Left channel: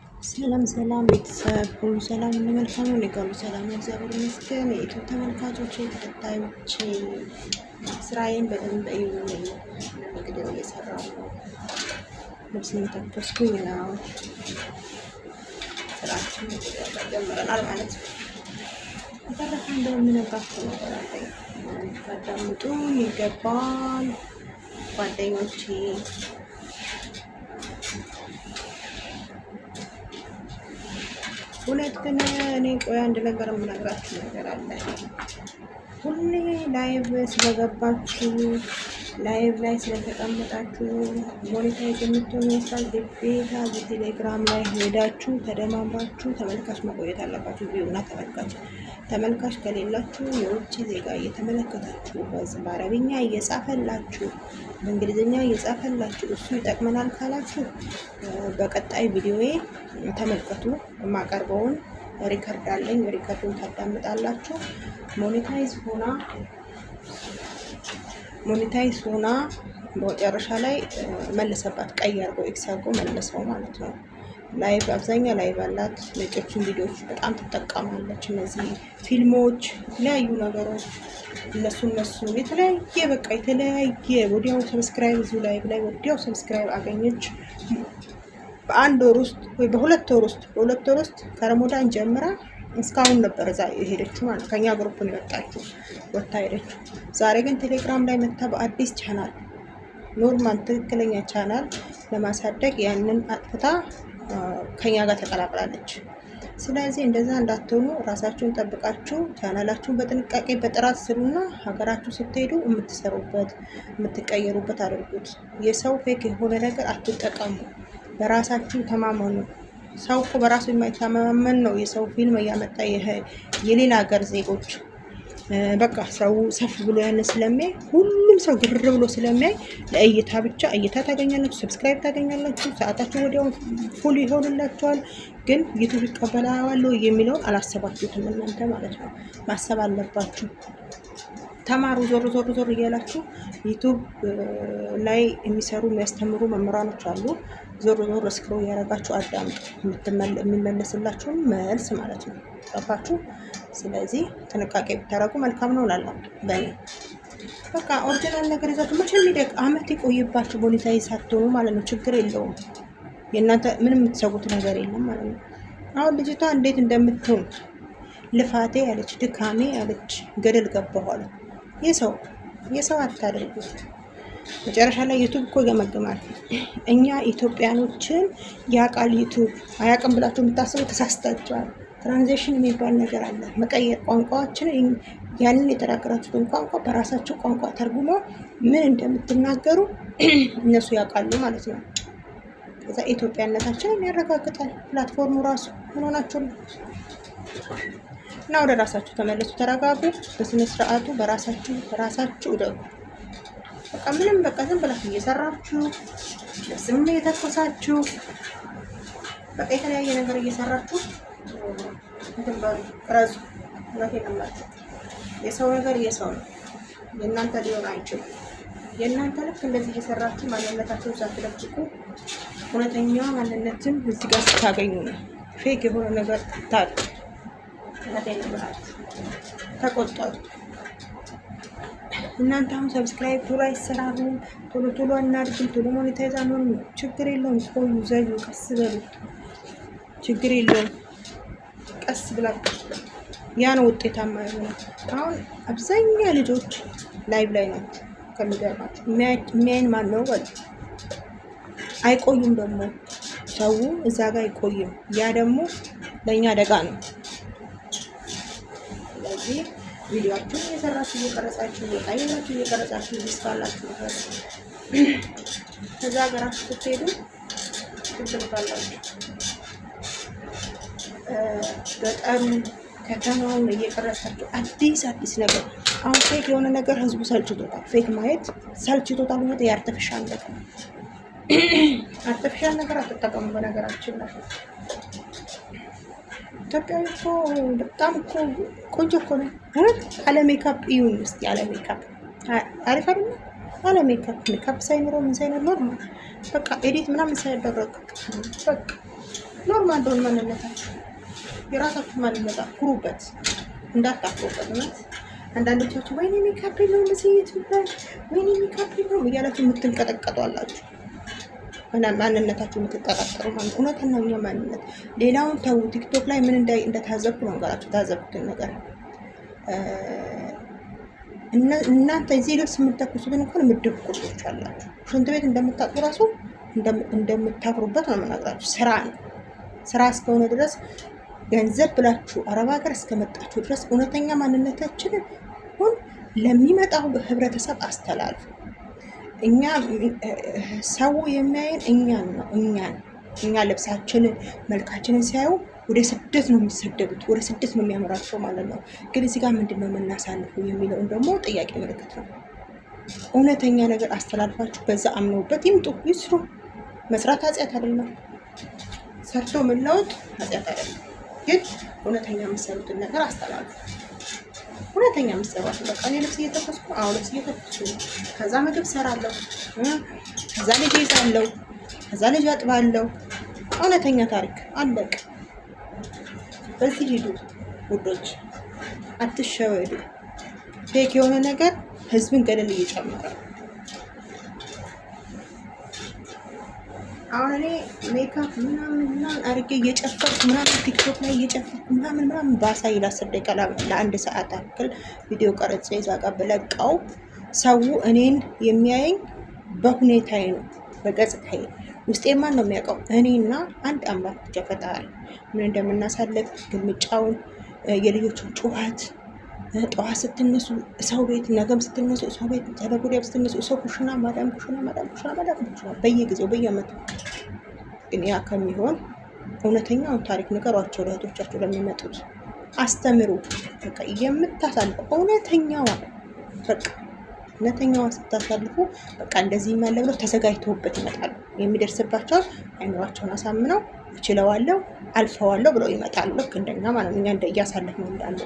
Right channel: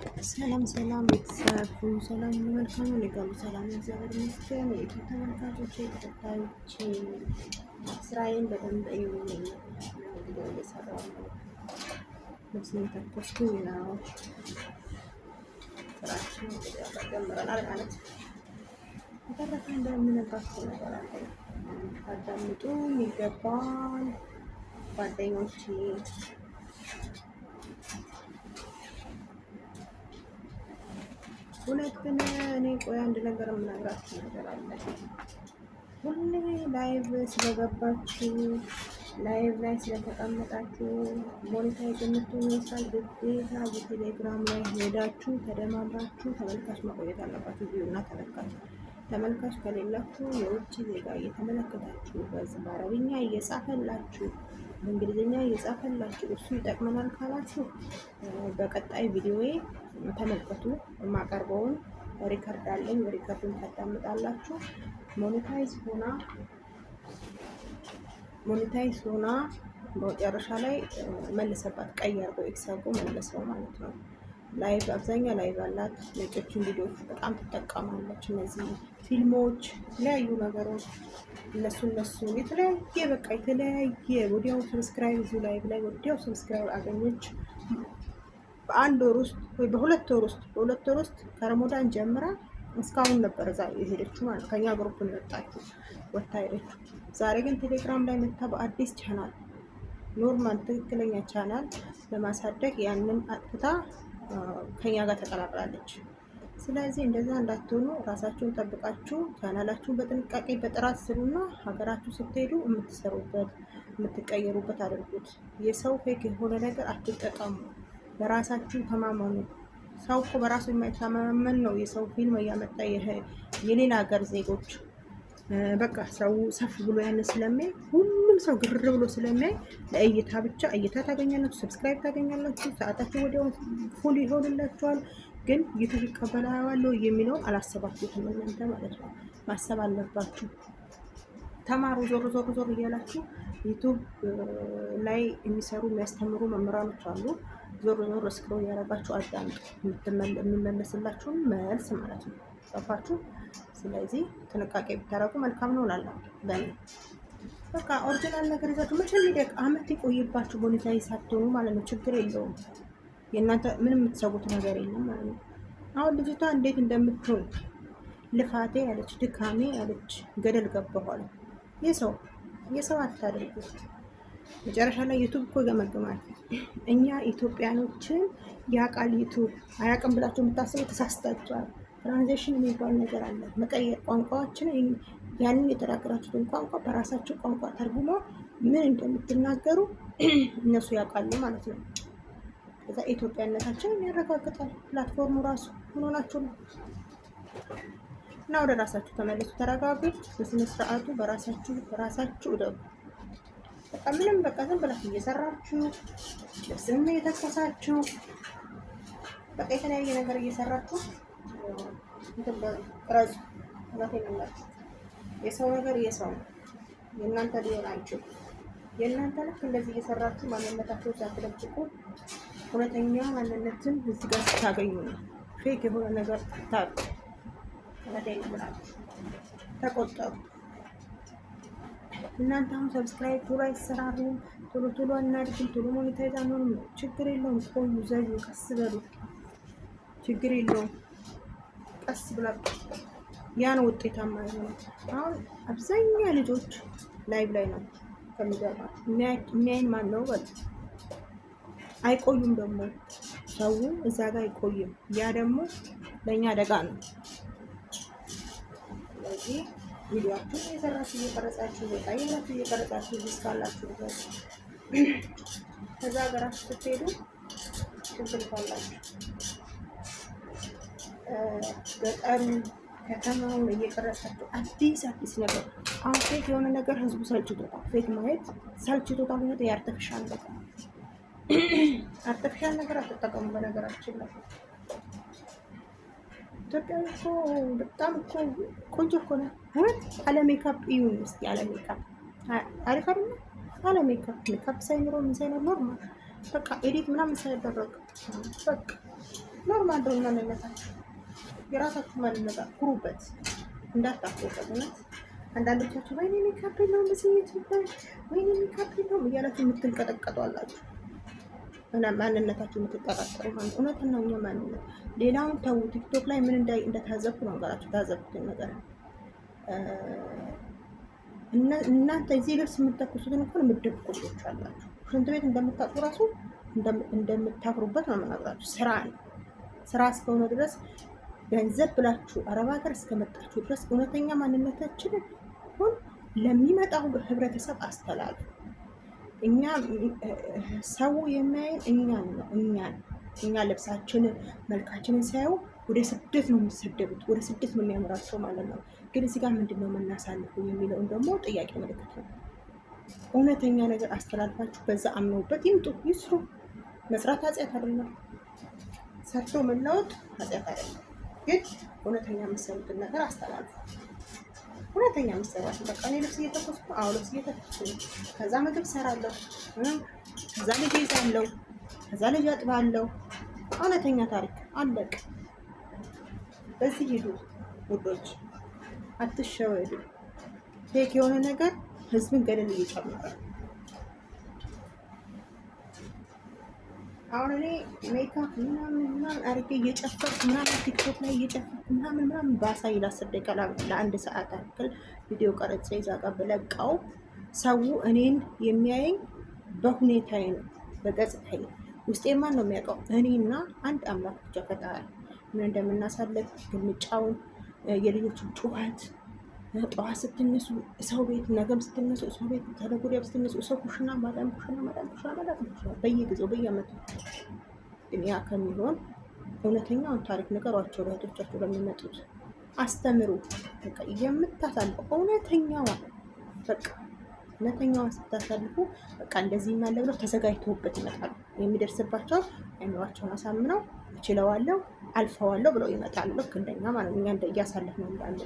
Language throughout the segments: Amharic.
ሰላም ሰላም ቤተሰብ ሁሉ ሰላም ሁሉ መልካም ነው። ሊቀሩ ሰላም እግዚአብሔር ይመስገን። የኢትዮ ተመልካቾች ተከታዮች ስራዬን በደንብ እዩልኝ። እንግዲህ እየሰራሁ ነው። ልብስ እየተኮስኩኝ ነው። ስራችን ጀምረናል ማለት ነው። በተረፈ እንደምነግራችሁ ነገር አለኝ። ታዳምጡ ይገባል ጓደኞቼ። እውነት ግን እኔ ቆይ አንድ ነገር የምነግራችሁ ነገር አለ። ሁሌ ላይቭ ስለገባችሁ ላይቭ ላይ ስለተቀመጣችሁ ሞኔታይዝ የምትሆኑ ይመስላል። ግዴታ በቴሌግራም ላይ ሄዳችሁ ተደማምራችሁ ተመልካች መቆየት አለባችሁ። ቪውና ተመልካች ከሌላችሁ የውጭ ዜጋ እየተመለከታችሁ በአረብኛ እየጻፈላችሁ በእንግሊዝኛ እየጻፈላችሁ እሱ ይጠቅመናል ካላችሁ በቀጣይ ቪዲዮዬ ተመልከቱ። የማቀርበውን ሪከርድ አለኝ። ሪከርዱን ታዳምጣላችሁ። ሞኔታይዝ ሆና በመጨረሻ ላይ መልሰባት ቀይ አድርጎ ኤክስ አድርጎ መልሰው ማለት ነው። ላይቭ አብዛኛው ላይቭ አላት። ነጮችን ቪዲዮዎች በጣም ትጠቀማለች። እነዚህ ፊልሞች፣ የተለያዩ ነገሮች እነሱ የተለያየ በቃ የተለያየ ወዲያው ሰብስክራይብ እዚሁ ላይቭ ላይ ወዲያው ሰብስክራይብ አገኘች። በአንድ ወር ውስጥ ወይ በሁለት ወር ውስጥ ከረሞዳን ጀምራ እስካሁን ነበር እዛ የሄደችው ማለት ከኛ ግሩፕ ነው የወጣችው ወጣ ሄደችው። ዛሬ ግን ቴሌግራም ላይ መታ በአዲስ ቻናል ኖርማል ትክክለኛ ቻናል ለማሳደግ ያንን አጥፍታ ከኛ ጋር ተቀላቅላለች። ስለዚህ እንደዛ እንዳትሆኑ ራሳችሁን ጠብቃችሁ ቻናላችሁን በጥንቃቄ በጥራት ስሩና ሀገራችሁ ስትሄዱ የምትሰሩበት የምትቀየሩበት አድርጉት። የሰው ፌክ የሆነ ነገር አትጠቀሙ። በራሳችሁ ተማመኑ። ሰው እኮ በራሱ የማይተማመን ነው የሰው ፊልም እያመጣ የሌላ ሀገር ዜጎች በቃ ሰው ሰፍ ብሎ ያን ስለሚያይ ሁሉም ሰው ግር ብሎ ስለሚያይ ለእይታ ብቻ እይታ ታገኛላችሁ፣ ሰብስክራይብ ታገኛላችሁ፣ ሰዓታችሁ ወዲያው ፉል ይሆንላችኋል። ግን ዩቲዩብ ይቀበላዋል የሚለውን አላሰባችሁትም እናንተ ማለት ነው። ማሰብ አለባችሁ። ተማሩ። ዞር እያላችሁ ዩቲዩብ ላይ የሚሰሩ የሚያስተምሩ መምህራኖች አሉ። ዞር ስክሮል እያደረጋችሁ አዳምጡ። የሚመለስላችሁን መልስ ማለት ነው። ገባችሁ? ስለዚህ ጥንቃቄ ብታደርጉ መልካም ነው እላለሁ። በእኔ በቃ ኦሪጂናል ነገር ይዛችሁ መቼም ሊደቅ አመት ይቆይባችሁ ሞኔታይዝ ሳትሆኑ ማለት ነው። ችግር የለውም። የእናንተ ምንም የምትሰጉት ነገር የለም ማለት ነው። አሁን ልጅቷ እንዴት እንደምትሆን ልፋቴ ያለች ድካሜ ያለች ገደል ገባኋል። የሰው አታደርጉት። መጨረሻ ላይ ዩቱብ እኮ ይገመግማል። እኛ ኢትዮጵያኖችን ያቃል ዩቱብ አያውቅም ብላችሁ የምታስቡ ተሳስታችኋል። ትራንዚሽን የሚባል ነገር አለ። መቀየር ቋንቋዎችን ያንን የተናገራችሁትን ቋንቋ በራሳችሁ ቋንቋ ተርጉሞ ምን እንደምትናገሩ እነሱ ያውቃሉ ማለት ነው። ከዛ ኢትዮጵያነታችንን ያረጋግጣል ፕላትፎርሙ ራሱ ሆናችሁ እና ወደ ራሳችሁ ተመለሱ። ተረጋጉ። በስነ ስርዓቱ በራሳችሁ ደጉ። በቃ ምንም በቃ ዝም ብላችሁ እየሰራችሁ ስም የተኮሳችሁ በቃ የተለያየ ነገር እየሰራችሁ ራሱ የሰው ነገር የሰው ነው። የእናንተ ሊሆን አይችልም። የእናንተ ልክ እንደዚህ እየሰራችሁ ማንነታችሁን ሳትለቅቁ እውነተኛ ማንነትን እዚህ ጋር ስታገኙ ነው። ፌክ የሆነ ነገር ታጡ ተቆጠሩ። እናንተ አሁን ሰብስክራይብ ቶሎ አይሰራሩ፣ ቶሎ እናድርግ፣ ቶሎ ሞኔታይዝ አሁን ችግር የለውም። ቆዩ፣ ዘሉ፣ ቀስ በሉ፣ ችግር የለውም። ቀስ ብላችሁ ያ ነው ውጤታማ የሆነ። አሁን አብዛኛ ልጆች ላይቭ ላይ ናቸው። ከሚገርማችሁ የሚያይን ማን ነው በሉ። አይቆዩም ደግሞ ሰው እዛ ጋር አይቆይም። ያ ደግሞ ለእኛ አደጋ ነው። ስለዚህ ቪዲዮአችሁን እየሰራችሁ እየቀረጻችሁ እየቀረጻችሁ ይስፋላችሁ ነበር። ከዛ ሀገራችሁ ስትሄዱ ትልካላችሁ። ገጠሩ ከተማውን እየቀረጻችሁ አዲስ ነገር። አሁን ፌክ የሆነ ነገር ህዝቡ ሰልችቶታል። ፌክ ማየት ሰልችቶታል። ማለት የአርቲፊሻል ነገር አርቲፊሻል ነገር አትጠቀሙ። በነገራችን ላይ ኢትዮጵያዊ እኮ በጣም እኮ ቆንጆ እኮ ነው። አለ ሜካፕ ይሁን እስኪ አለ ሜካፕ አሪፍ አይደል? አለ ሜካፕ ሳይኖረው ምን ሳይኖር ኖርማል በቃ ኤዲት ምናምን ሳይደረግ በቃ ኖርማል እንደሆነ ማንነታችሁ የራሳችሁ ማንነት ኩሩበት፣ እንዳታፍሩበት። እውነት አንዳንዶቻችሁ ወይኔ ሜካፕ ነው ለሴት ብላል ወይኔ ሜካፕ ነው እያላችሁ የምትንቀጠቀጡ አላችሁ። ማንነታችሁ የምትጠራጠሩ ማለት እውነተኛ ማንነት። ሌላውን ተው። ቲክቶክ ላይ ምን እንደታዘብኩ መንገራችሁ ታዘብኩትን ነገር እናንተ እዚህ ልብስ የምትተኩሱትን እንኳን ምድብ ቁርጦች አላችሁ። ሽንት ቤት እንደምታጥቡ ራሱ እንደምታፍሩበት ነው የምናግራችሁ። ስራ ነው። ስራ እስከሆነ ድረስ ገንዘብ ብላችሁ አረብ ሀገር እስከመጣችሁ ድረስ እውነተኛ ማንነታችንን ሁን ለሚመጣው ህብረተሰብ አስተላልፉ። እኛ ሰው የሚያየን እኛን ነው። እኛ ልብሳችንን መልካችንን ሲያዩ ወደ ስደት ነው የሚሰደዱት፣ ወደ ስደት ነው የሚያምራቸው ማለት ነው። ግን እዚህ ጋር ምንድን ነው የምናሳልፈው የሚለውን ደግሞ ጥያቄ ምልክት ነው። እውነተኛ ነገር አስተላልፋችሁ በዛ አምነውበት ይምጡ፣ ይስሩ። መስራት ኃጢአት አይደለም፣ ሰርቶ መለወጥ ኃጢአት አይደለም። ግን እውነተኛ የምትሰሩትን ነገር አስተላልፉ። እውነተኛ የምትሰሯት በቃ እኔ ልብስ እየተኮስኩ ልብስ እየተኮስኩ ከዛ ምግብ ሰራለሁ፣ ከዛ ልጅ ይዛለሁ፣ ከዛ ልጅ አጥባለሁ። እውነተኛ ታሪክ አለቅ። በዚህ ሂዱ ውዶች፣ አትሸወዱ። ፌክ የሆነ ነገር ህዝብን ገደል እየጨመረ። አሁን እኔ ሜካፕ ምናምን አድርጌ እየጨፈርኩ ምናምን ቲክቶክ ላይ እየጨፈርኩ ምናምን ባሳይ ለ10 ደቂቃ ለ1 ሰዓት አክል ቪዲዮ ቀርጬ እዛ ጋር ብለቀው ሰው እኔን የሚያየኝ በሁኔታዬ ነው፣ በገጽታዬ። ውስጤን ማን ነው የሚያውቀው? እኔና አንድ አምላክ ብቻ ፈጣሪ። ምን እንደምናሳልፍ ግልምጫውን፣ የልጆቹን ጩኸት፣ ጠዋት ስትነሱ ሰው ቤት፣ ነገም ስትነሱ ሰው ቤት፣ ተነገ ወዲያም ስትነሱ ሰው ኩሽና፣ ማዳም ኩሽና በየጊዜው በየዓመቱ። ግን ያ ከሚሆን እውነተኛውን ታሪክ ንገሯቸው ለእህቶቻችሁ ለሚመጡት፣ አስተምሩ። በቃ የምታሳልፈው እውነተኛዋን በቃ እውነተኛዋን ስታሳልፉ በቃ እንደዚህ ያለ ብለው ተዘጋጅተውበት ይመጣሉ። የሚደርስባቸውን አይምሯቸውን አሳምነው እችለዋለሁ አልፈዋለሁ ብለው ይመጣሉ። ልክ እንደኛ ማለት ነው። እኛ እያሳለፍነው እንዳለ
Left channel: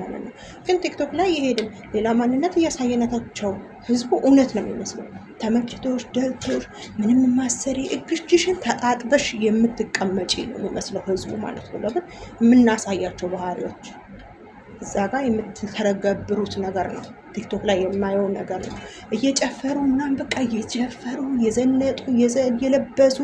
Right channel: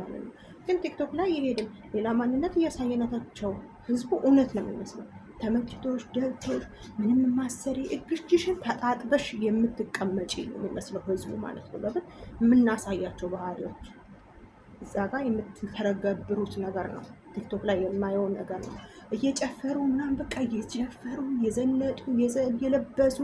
ማለት ነው። ግን ቲክቶክ ላይ የሄድን ሌላ ማንነት እያሳየናታቸው ህዝቡ እውነት ነው የሚመስለው። ተመችቶሽ ደልቶሽ ምንም ማሰሪ እግርሽን ተጣጥበሽ የምትቀመጪ ነው የሚመስለው ህዝቡ ማለት ነው። ለምን የምናሳያቸው ባህሪዎች እዛ ጋር የምትተረገብሩት ነገር ነው። ቲክቶክ ላይ የማየው ነገር ነው። እየጨፈሩ ምናምን በቃ እየጨፈሩ እየዘነጡ እየለበሱ